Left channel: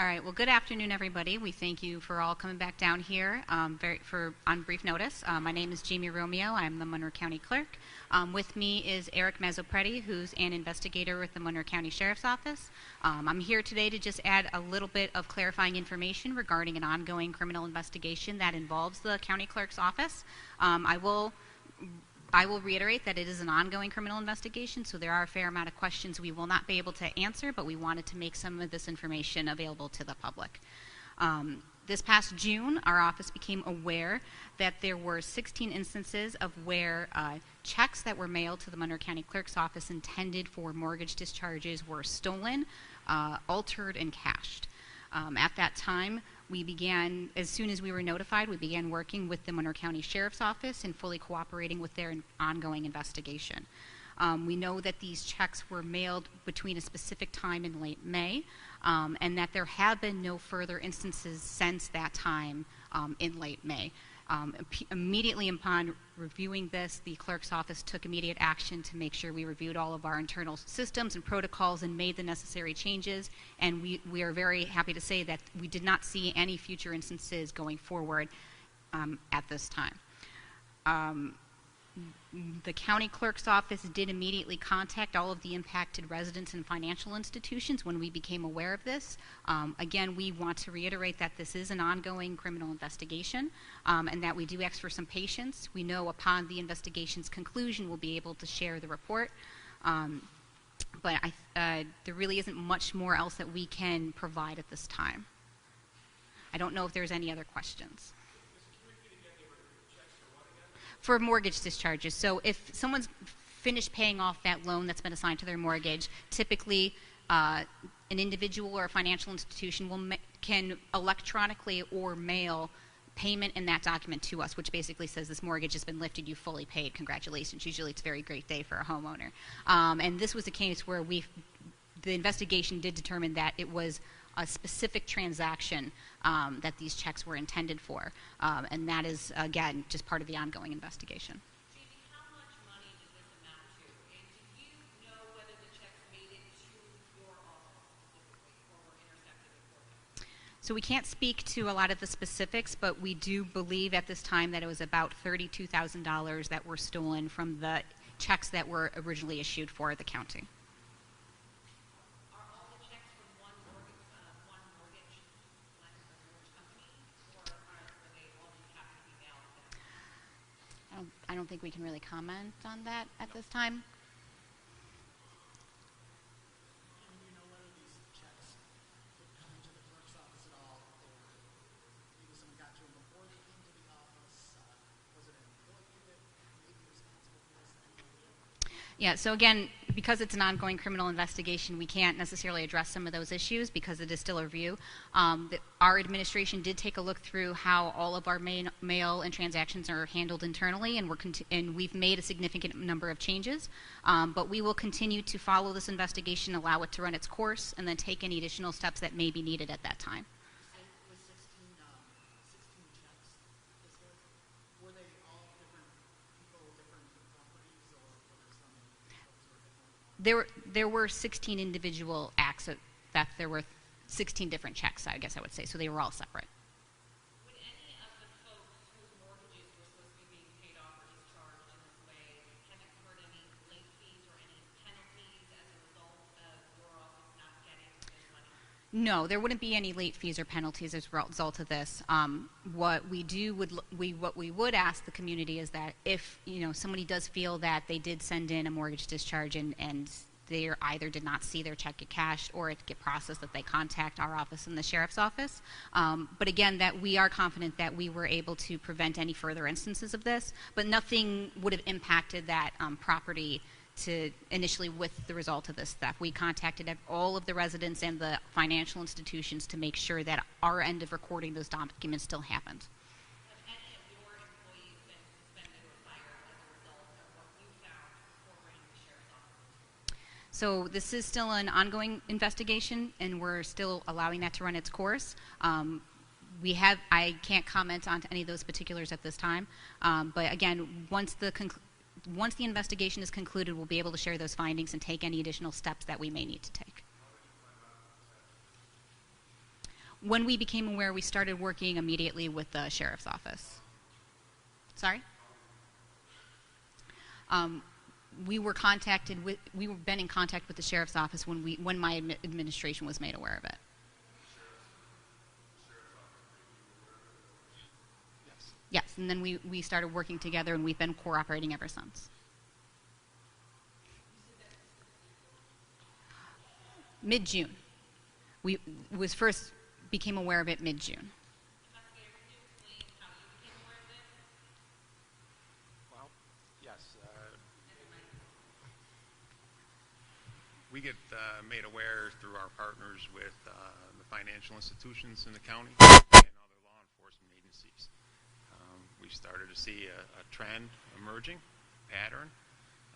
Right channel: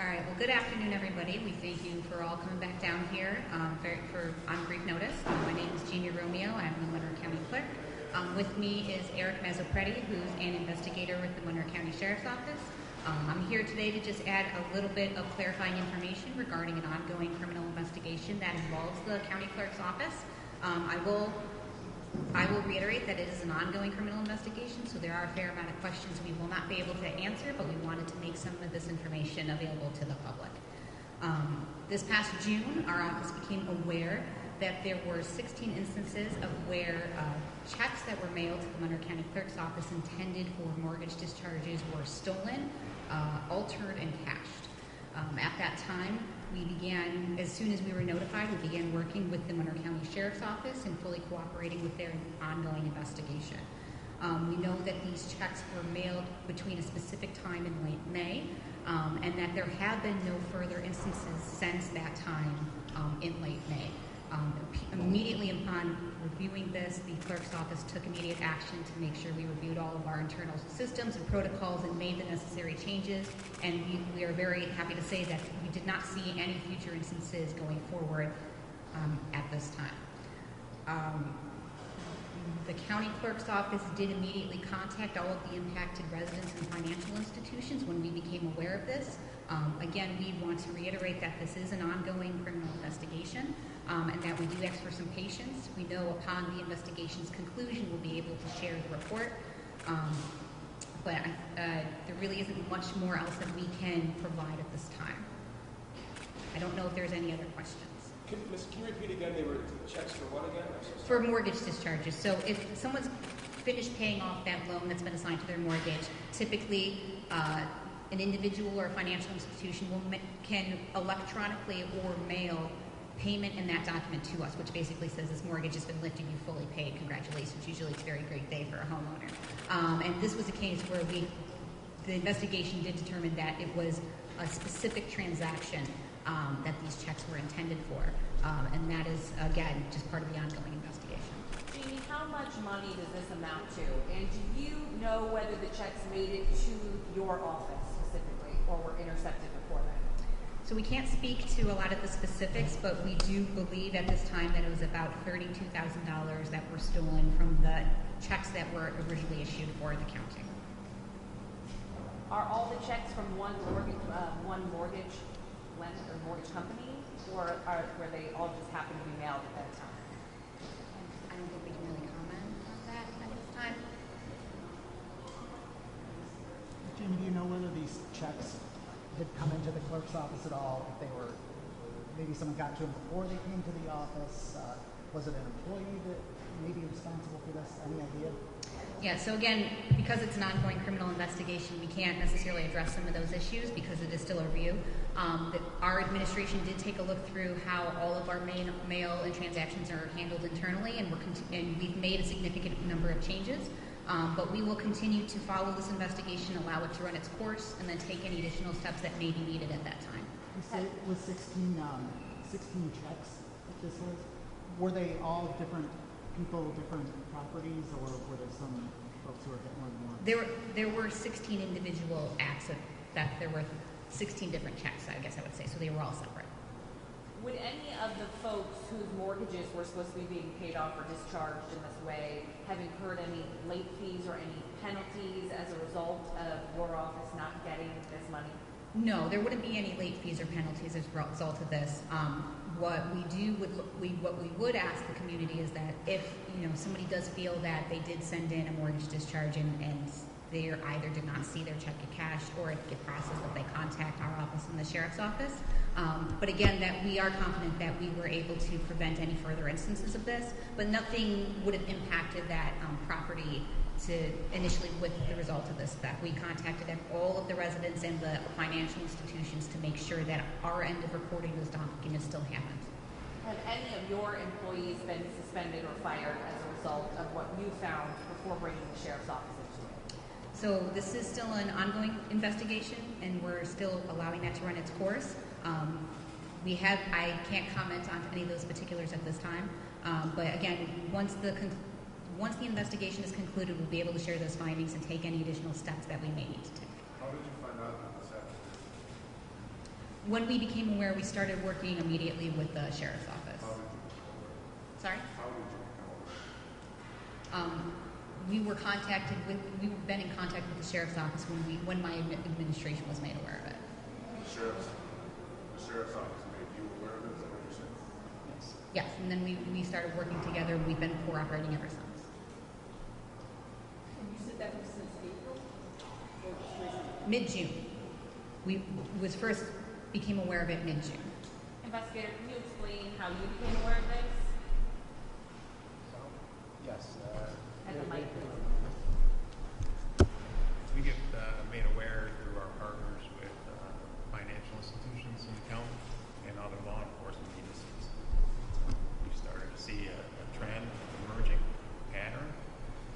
All right, well, good afternoon, everybody. We thank you for all coming back down here on brief notice. My name is Romeo. I'm the Monroe County Clerk. With me is Eric Mazzopretti, who's an investigator with the Monroe County Sheriff's Office. I'm here today to just add a little bit of clarifying information regarding an ongoing criminal investigation that involves the County Clerk's Office. I will reiterate that it is an ongoing criminal investigation, so there are a fair amount of questions we will not be able to answer, but we wanted to make some of this information available to the public. This past June, our office became aware that there were 16 instances of where checks that were mailed to the Monroe County Clerk's Office intended for mortgage discharges were stolen, altered, and cashed. At that time, we began, as soon as we were notified, we began working with the Monroe County Sheriff's Office and fully cooperating with their ongoing investigation. We know that these checks were mailed between a specific time in late May, and that there have been no further instances since that time in late May. Immediately upon reviewing this, the clerk's office took immediate action to make sure we reviewed all of our internal systems and protocols and made the necessary changes, and we are very happy to say that we did not see any future instances going forward at this time. The county clerk's office did immediately contact all of the impacted residents and financial institutions when we became aware of this. Again, we want to reiterate that this is an ongoing criminal investigation and that we do ask for some patience. We know upon the investigation's conclusion we'll be able to share the report, but there really isn't much more else that we can provide at this time. I don't know if there's any other questions. Can you repeat again, they were checks for what again? For mortgage discharges. So if someone's finished paying off that loan that's been assigned to their mortgage, typically an individual or a financial institution can electronically or mail payment in that document to us, which basically says this mortgage has been lifted, you fully paid, congratulations. Usually it's a very great day for a homeowner. And this was a case where the investigation did determine that it was a specific transaction that these checks were intended for. And that is, again, just part of the ongoing investigation. Jamie, how much money does this amount to? And do you know whether the checks made it to your office specifically or were intercepted before that? So we can't speak to a lot of the specifics, but we do believe at this time that it was about $32,000 that were stolen from the checks that were originally issued for the county. Are all the checks from one mortgage lender or mortgage company, or were they all just happen to be mailed at that time? I don't think we can really comment on that at this time. Jim, do you know whether these checks had come into the clerk's office at all? If they were, maybe someone got to them before they came to the office? Was it an employee that may be responsible for this? Any idea? Yeah, so again, because it's an ongoing criminal investigation, we can't necessarily address some of those issues because it is still a review. Our administration did take a look through how all of our mail and transactions are handled internally, and we've made a significant number of changes. But we will continue to follow this investigation, allow it to run its course, and then take any additional steps that may be needed at that time. You said it was 16 checks that this was? Were they all different people, different properties, or were there some folks who were a bit more than one? There were 16 individual acts of theft. There were 16 different checks, I guess I would say, so they were all separate. Would any of the folks whose mortgages were supposed to be being paid off or discharged in this way have incurred any late fees or any penalties as a result of your office not getting this money? No, there wouldn't be any late fees or penalties as a result of this. What we would ask the community is that if somebody does feel that they did send in a mortgage discharge and they either did not see their check get cashed or it get processed, that they contact our office and the sheriff's office. But again, that we are confident that we were able to prevent any further instances of this, but nothing would have impacted that property initially with the result of this theft. We contacted all of the residents and the financial institutions to make sure that our end of recording those documents still happened. Have any of your employees been suspended or fired as a result of what you found before bringing the sheriff's office into it? So this is still an ongoing investigation, and we're still allowing that to run its course. I can't comment on any of those particulars at this time, but again, once the investigation is concluded, we'll be able to share those findings and take any additional steps that we may need to take. How did you find out about this When we became aware, we started working immediately with the sheriff's office. Sorry? We've been in contact with the sheriff's office when my administration was made aware of it. The sheriff's office made you aware of it, is that what you're saying? Yes, and then we started working together, and we've been cooperating ever since. And you said that was since April? Mid-June. We became aware of it mid-June. Investigator, can you explain how you became aware of this? Yes. At the mic. We get made aware through our partners with financial institutions in the county and other law enforcement agencies. We started to see a trend emerging, pattern.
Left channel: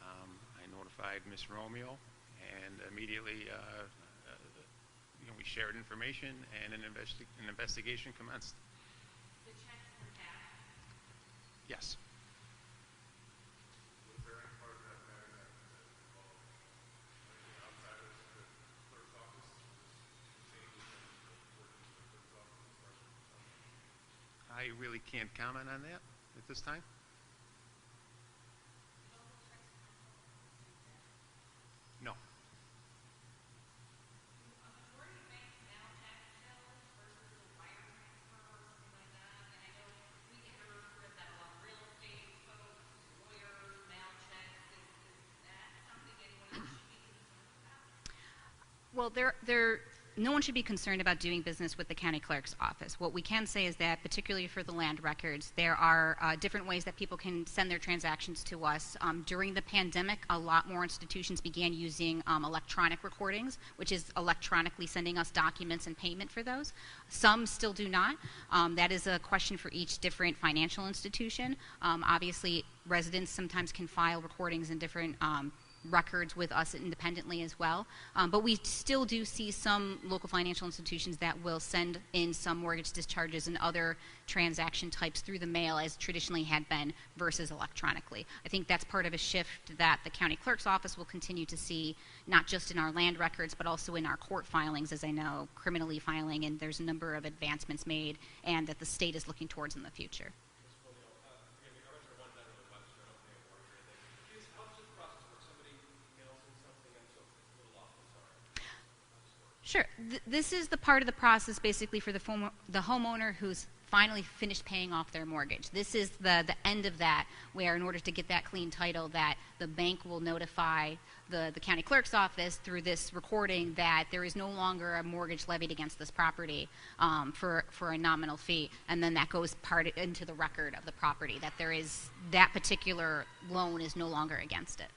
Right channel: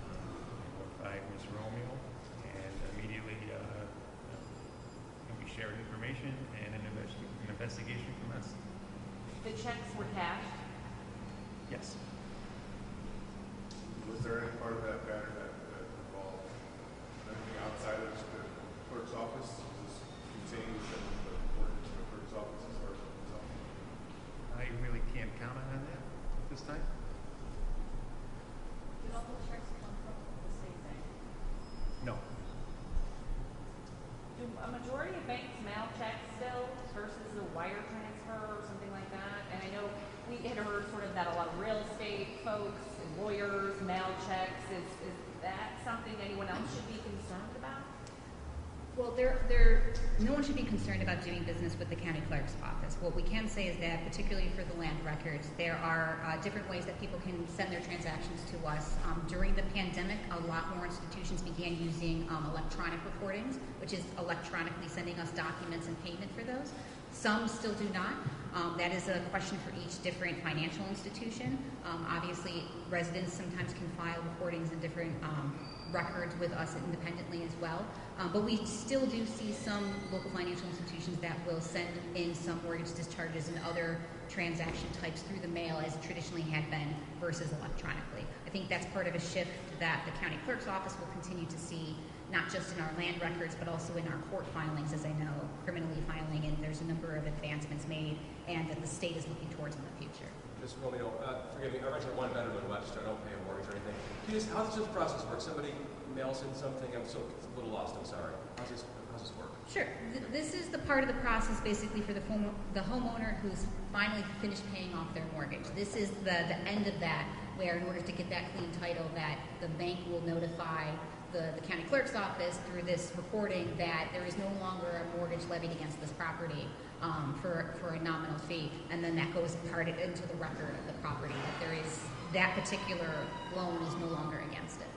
I notified Ms. Romeo, and immediately we shared information, and an investigation commenced. The checks were cashed. Yes. Was there any part of that pattern that involved anything outside of just the clerk's office? Was this contained within the workings of the clerk's office as far as the result? I really can't comment on that at this time. Did all the checks come from the same bank? No. Do a majority of banks mail checks still versus a wire transfer or something like that? And I know we had heard sort of that a lot of real estate folks and lawyers mail checks. Is that something anyone else should be concerned about? Well, no one should be concerned about doing business with the county clerk's office. What we can say is that, particularly for the land records, there are different ways that people can send their transactions to us. During the pandemic, a lot more institutions began using electronic recordings, which is electronically sending us documents and payment for those. Some still do not. That is a question for each different financial institution. Obviously, residents sometimes can file recordings in different records with us independently as well. But we still do see some local financial institutions that will send in some mortgage discharges and other transaction types through the mail, as it traditionally had been, versus electronically. I think that's part of a shift that the county clerk's office will continue to see, not just in our land records, but also in our court filings, as I know, criminally filing, and there's a number of advancements made, and that the state is looking towards in the future. Ms. Romeo, forgive me, I represent one veteran in Webster. I don't pay a mortgage or anything. How does this process work? Somebody mails in something. I'm so a little lost. I'm sorry. How's this work? Sure. This is the part of the process basically for the homeowner who's finally finished paying off their mortgage. This is the end of that, where in order to get that clean title, that the bank will notify the county clerk's office through this recording that there is no longer a mortgage levied against this property for a nominal fee, and then that goes part into the record of the property that particular loan is no longer against it.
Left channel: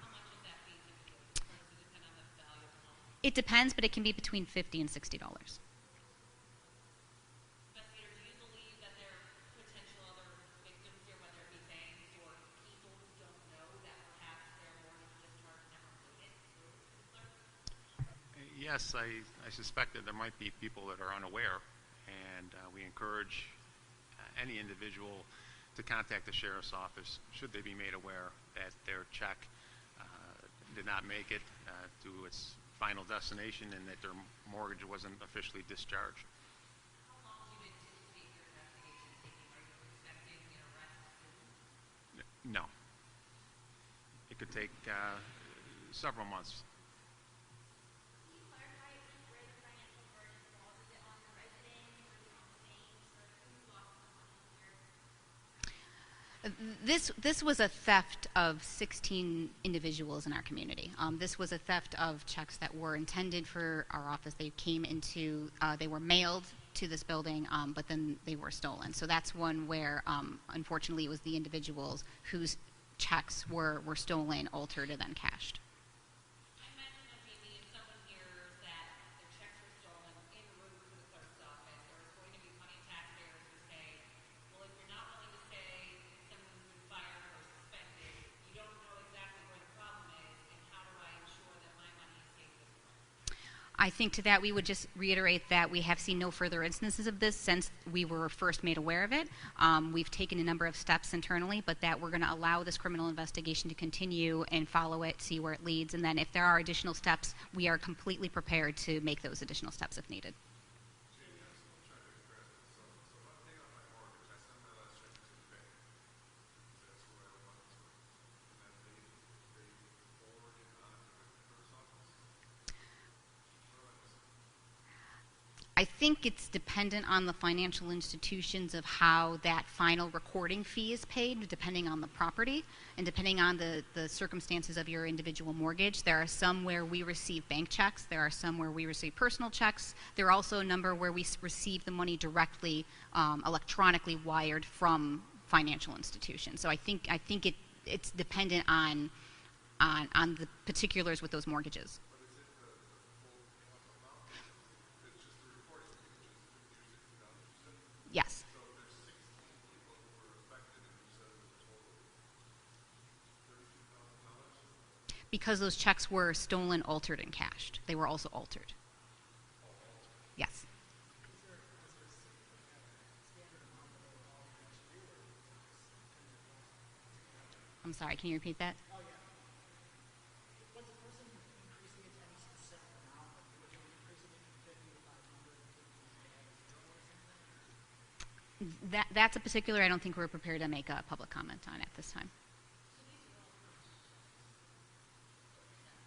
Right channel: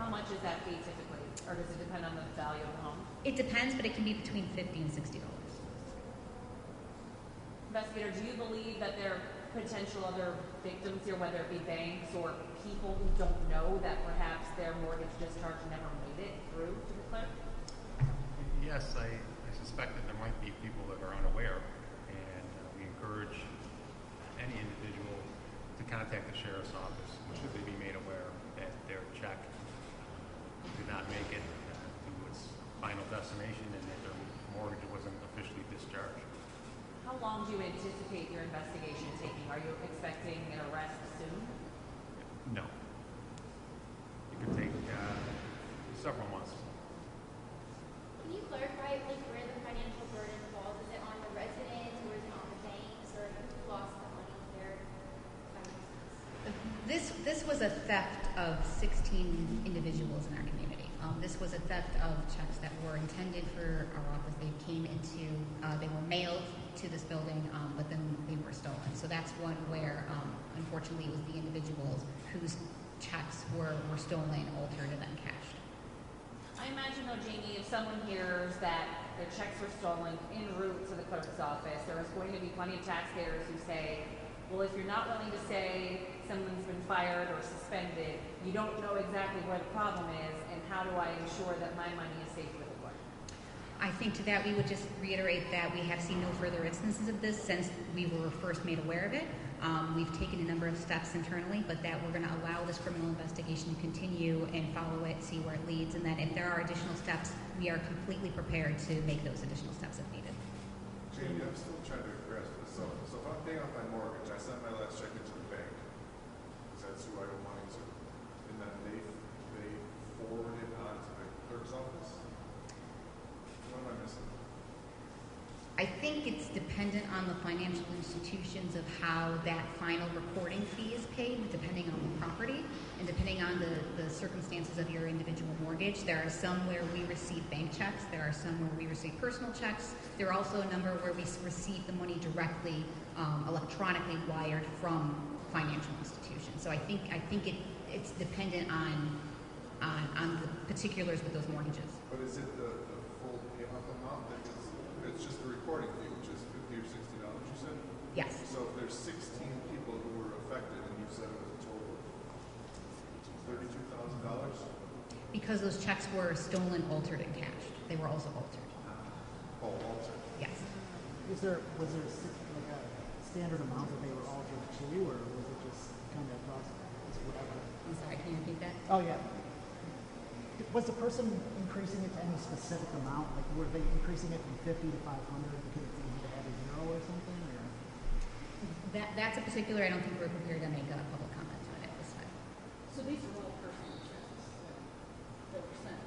How much is that fee typically, or does it depend on the value of the home? It depends, but it can be between $50 and $60. Investigator, do you believe that there are potential other victims here, whether it be banks or people who don't know that perhaps their mortgage discharge never made it through to the clerk? Yes, I suspect that there might be people that are unaware, and we encourage any individual to contact the sheriff's office should they be made aware that their check did not make it to its final destination and that their mortgage wasn't officially discharged. How long do you anticipate your investigation taking? Are you expecting an arrest soon? No. It could take several months. Can you clarify where the financial burden falls? Is it on the residents, or is it on the banks, or who lost the money in their finances? This was a theft of 16 individuals in our community. This was a theft of checks that were intended for our office. They were mailed to this building, but then they were stolen. So that's one where, unfortunately, it was the individuals whose checks were stolen, altered, and then cashed. I imagine though, Jamie, if someone hears that their checks were stolen en route to the clerk's office, there is going to be plenty of taxpayers who say, well, if you're not willing to say someone's been fired or suspended, you don't know exactly where the problem is, and how do I ensure that my money is safe with the clerk? I think to that we would just reiterate that we have seen no further instances of this since we were first made aware of it. We've taken a number of steps internally, but that we're going to allow this criminal investigation to continue and follow it, see where it leads, and then if there are additional steps, we are completely prepared to make those additional steps if needed. Jamie, I'm still trying to grasp this. So if I'm paying off my mortgage, I send my last check into the bank, because that's who I owe money to, and then they forward it on to the clerk's office? What am I missing? I think it's dependent on the financial institutions of how that final recording fee is paid, depending on the property and depending on the circumstances of your individual mortgage. There are some where we receive bank checks. There are some where we receive personal checks. There are also a number where we receive the money directly, electronically wired from financial institutions. So I think it's dependent on the particulars with those mortgages. But is it the full payment amount? It's just the recording fee, which is $50 or $60, you said? Yes. So if there's 16 people who were affected, and you said it was a total of $32,000? Because those checks were stolen, altered, and cashed. They were also altered. Oh, altered. Yes. Was there like a standard amount that they were altered to, or was it just kind of whatever? I'm sorry, can you repeat that? Oh yeah. Was the person increasing it to any specific amount? Like were they increasing it from 50 to 500 because maybe they had a zero or something? Or? That's a particular, I don't think we're prepared to make a public comment on it this time. So these are all personal checks that were sent?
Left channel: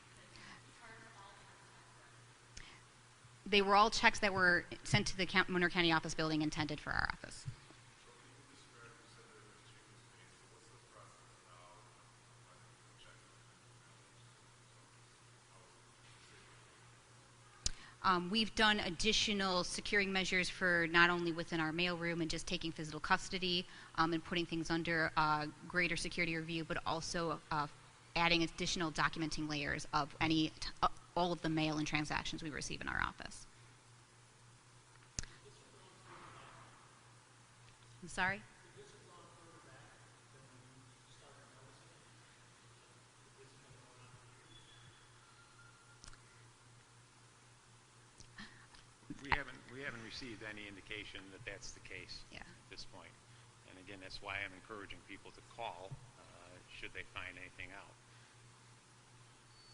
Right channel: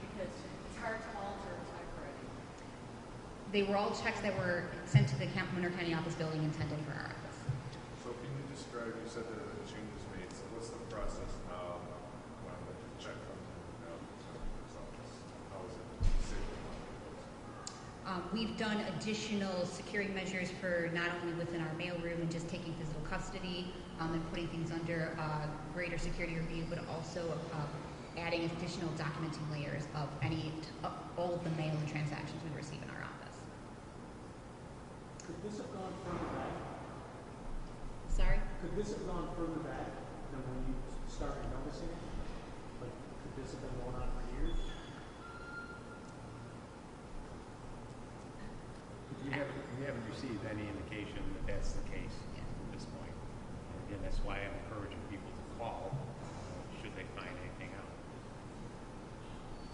Because it's hard to alter a typewriter. They were all checks that were sent to the Monroe County office building intended for our office. So can you describe, you said that a change was made, so what's the process now when the check comes in the clerk's office? How is it saved? We've done additional securing measures for not only within our mailroom and just taking physical custody and putting things under greater security review, but also adding additional documenting layers of all of the mail and transactions we receive in our office. Could this have gone further back? Sorry? Could this have gone further back than when you started noticing it? Like, could this have been going on for years? We haven't received any indication that that's the case Yeah. at this point. And again, that's why I'm encouraging people to call should they find anything out.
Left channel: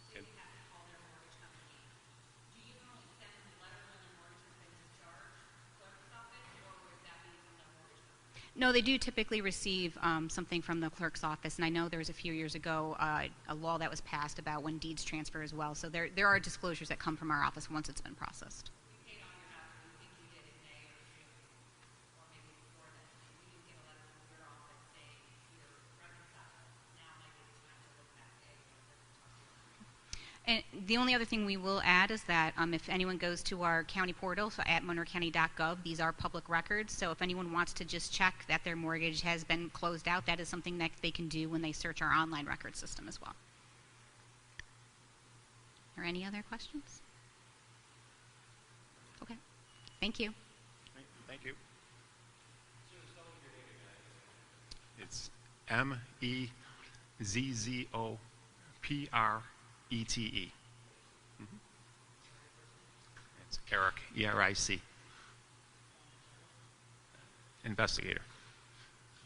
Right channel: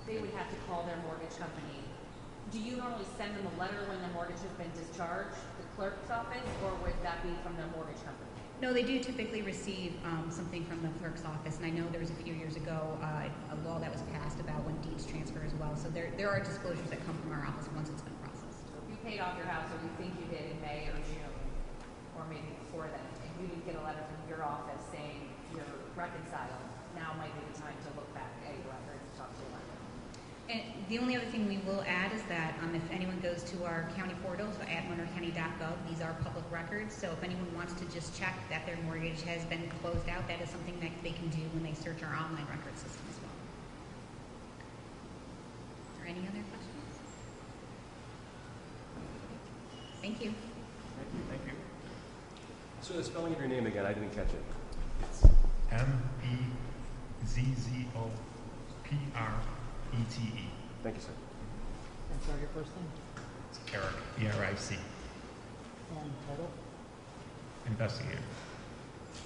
They would have to call their mortgage company. Do you normally send them a letter when the mortgage has been discharged, the clerk's office, or would that be from the mortgage company? No, they do typically receive something from the clerk's office, and I know there was a few years ago a law that was passed about when deeds transfer as well. So there are disclosures that come from our office once it's been processed. If you paid off your house, or you think you did in May or June, or maybe before then, and you didn't get a letter from your office saying you're reconciled, now might be the time to look back at your record and talk to a lender. And the only other thing we will add is that if anyone goes to our county portal, so at monroecounty.gov, these are public records. So if anyone wants to just check that their mortgage has been closed out, that is something that they can do when they search our online record system as well. Are any other questions? Okay. Thank you. Thank you. So the spelling of your name again, I didn't catch it. It's MEZZOPRETE. Thank you, sir. And sorry, your first name It's Eric, E-R-I-C, and title. investigator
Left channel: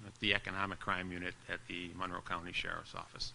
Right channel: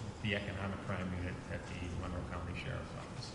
with the Economic Crime Unit at the Monroe County Sheriff's Office.